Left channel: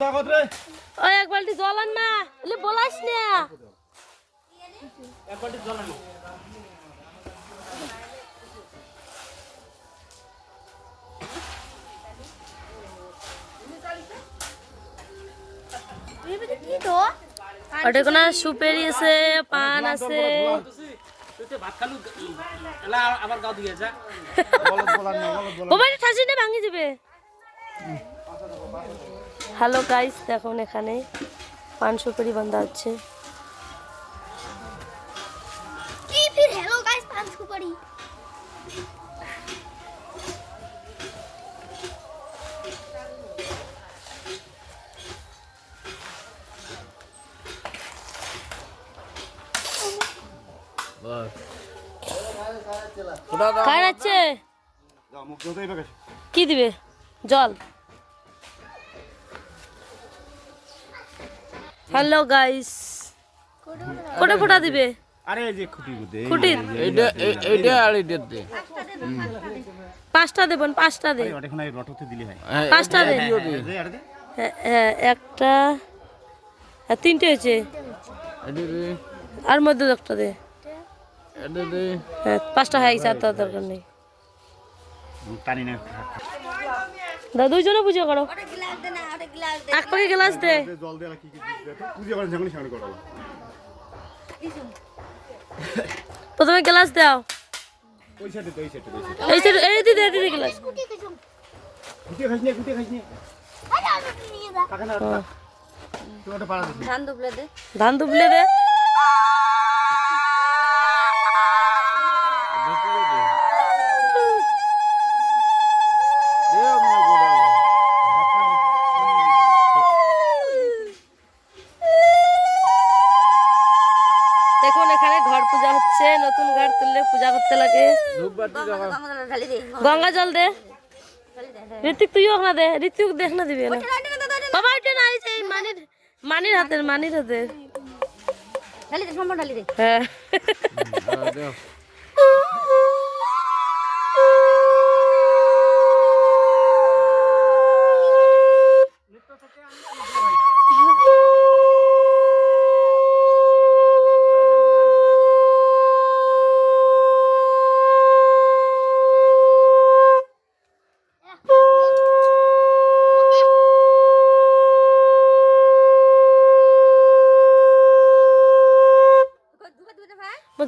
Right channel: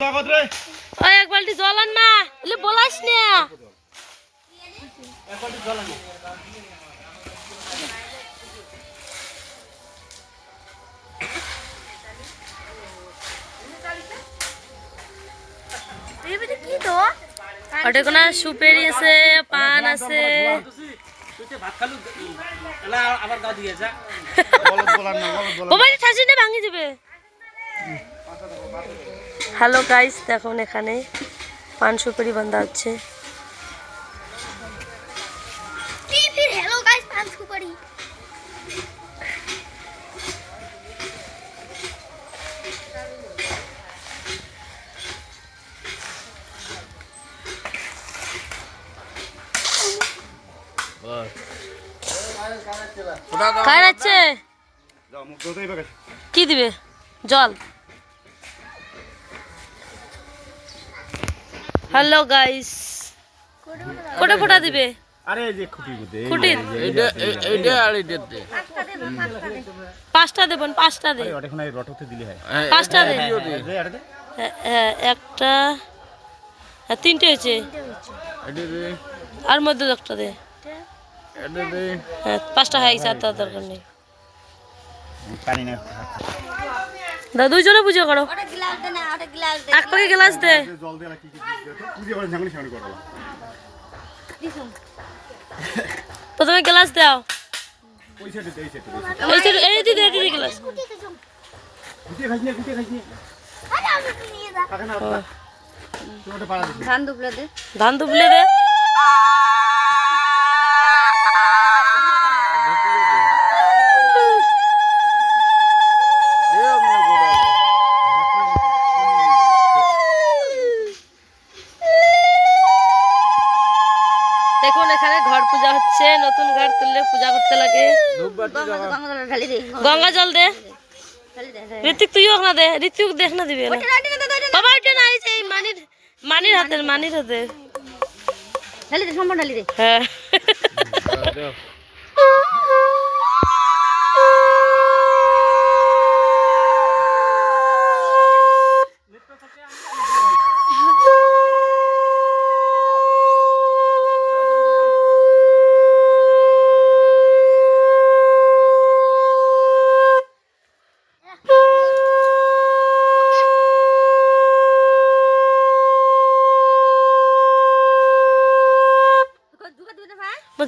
ওই এক বালতি জল আন না, এলে বলাস না। ওটা কোন সুপেরি আছে, পান আছে। ভাঙি যাবে। হ্যালো গাইস, দেখুন এখানে পান সুপারি বান্ধা হচ্ছে। কি দিবে? জল। হ্যালো গাইস, কোটা ফোটা দিবে। আরে এই যে খুঁটি খুঁটি এইটা আর এইটা দে। পাঁচটা দেবেন, পাঁচটা দে। ওটা এখন এই রটতে দিলে হয়। পাঁচটা দে। হ্যাঁ, একটা আর তিনটে হয়েছে। আর মধ্যে একটা দে। হ্যাঁ, পাঁচটা হয়ে গেছে, আর তার দরকার নেই। পানি না। দাদা দুইজনে পুজো করো। এক পাকে গ্লাস দে। জল দিয়ে কি কি পুজো করে ঝাঙ্গলি সামনে করো। প্রথমে গ্লাস দাও। ওই সাইডে এই সাইডে এই দিদি এই গ্লাস। গুটি খাইনি আরে আমি নিয়ে যা কাকা না তোটা পাড়া দে। ধান দুবলে দে। দেখুন এখানে ঘর পূজা হচ্ছে, নতুন ঘর তুললে পূজা করতে লাগে। গঙ্গা জল দে। ঋতিক তুইও না দে, ঋতিক দেখ না দিবে না বাবা। ওইটা না, এই যে মানির হাতের হ্যাঁ।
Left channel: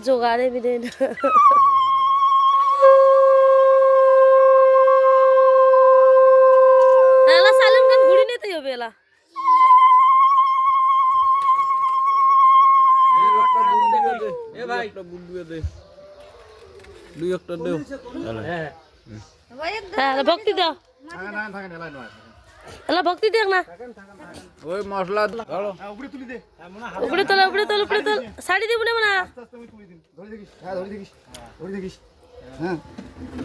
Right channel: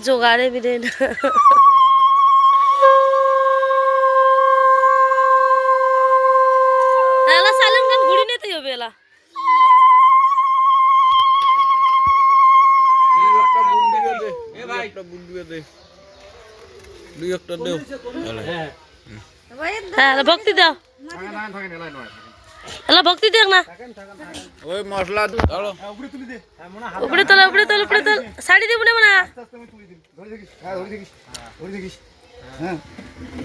জোগাড়ে বিদে না। এলা সালিম গান ঘুড়ি নিতে হবে। এলা হ্যাঁ, ভক্তি দাও। এলা ভক্তি দেখ না। ওই মশলা ধরো, উপরে তুলি দে। উপরে তোল, উপরে তোল, উপরে তোল। শাড়ি দিব না না। ধরে দেখিস, হ্যাঁ ধরে দেখিস। হ্যাঁ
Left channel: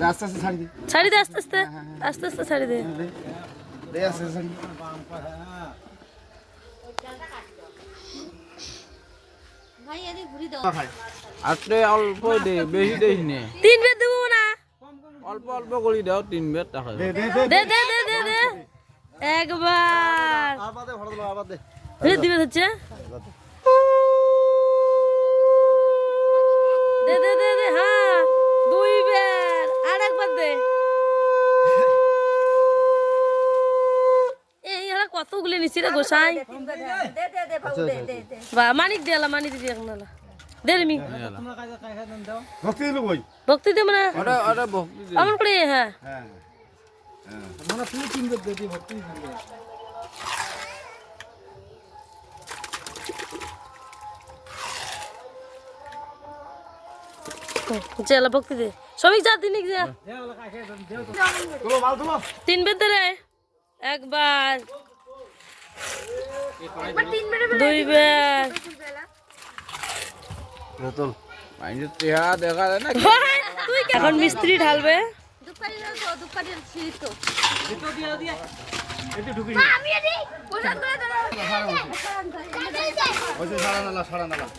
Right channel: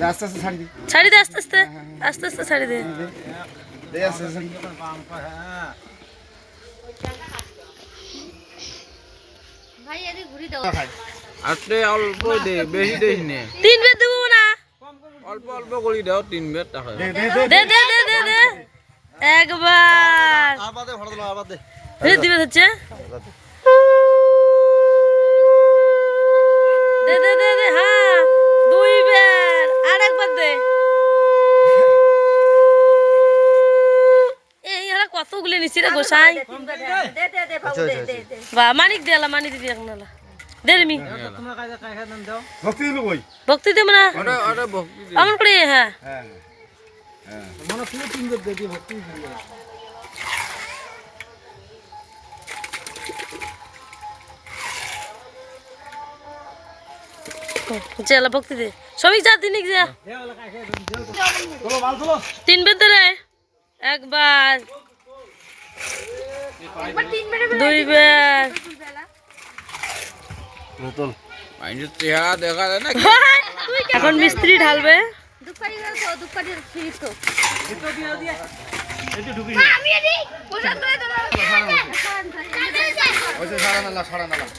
আস্তে আস্তে ছাড়ি দি। ছাড়ি দে আস্তে আস্তে, আস্তে আস্তে ছাড়ি দে। দে আস্তে আস্তে। ভাই এদি ঘুরি দাও। আস্তে অল্প দে, বেশি দেই নে। তিন বেদ দেব না। অল্প অল্প করে দাও, 3 বেত টাকা। দে দে দে দে দে দে দে একবার। আবার দে, ভরা দিলো আবার দে। এই দিবে হচ্ছে। দে দে দে দে, হ্যাঁ দুই বার। আর একবার দে। এই এরা কতগুলো নিছি রে গোসাই। বা মানিক দে, এলা মানিক দিবি একনালা দে রে মি। ভক্তি দিলো কই? ভক্তি দে না ওটা ভক্তি দে। আমন করে। হ্যাঁ হ্যাঁ মনে শুনে 3 বেত দে দি ভক্তি দিলে। চলা ভক্তি দে। সবিক যা দিনিক যা। তিন বেদ দে রে। একবার, দুই বার। বোতল মাইন্ডের চেহারা দেখা যায় না। এখন মিস্ত্রি ঢালবে। সারা নালা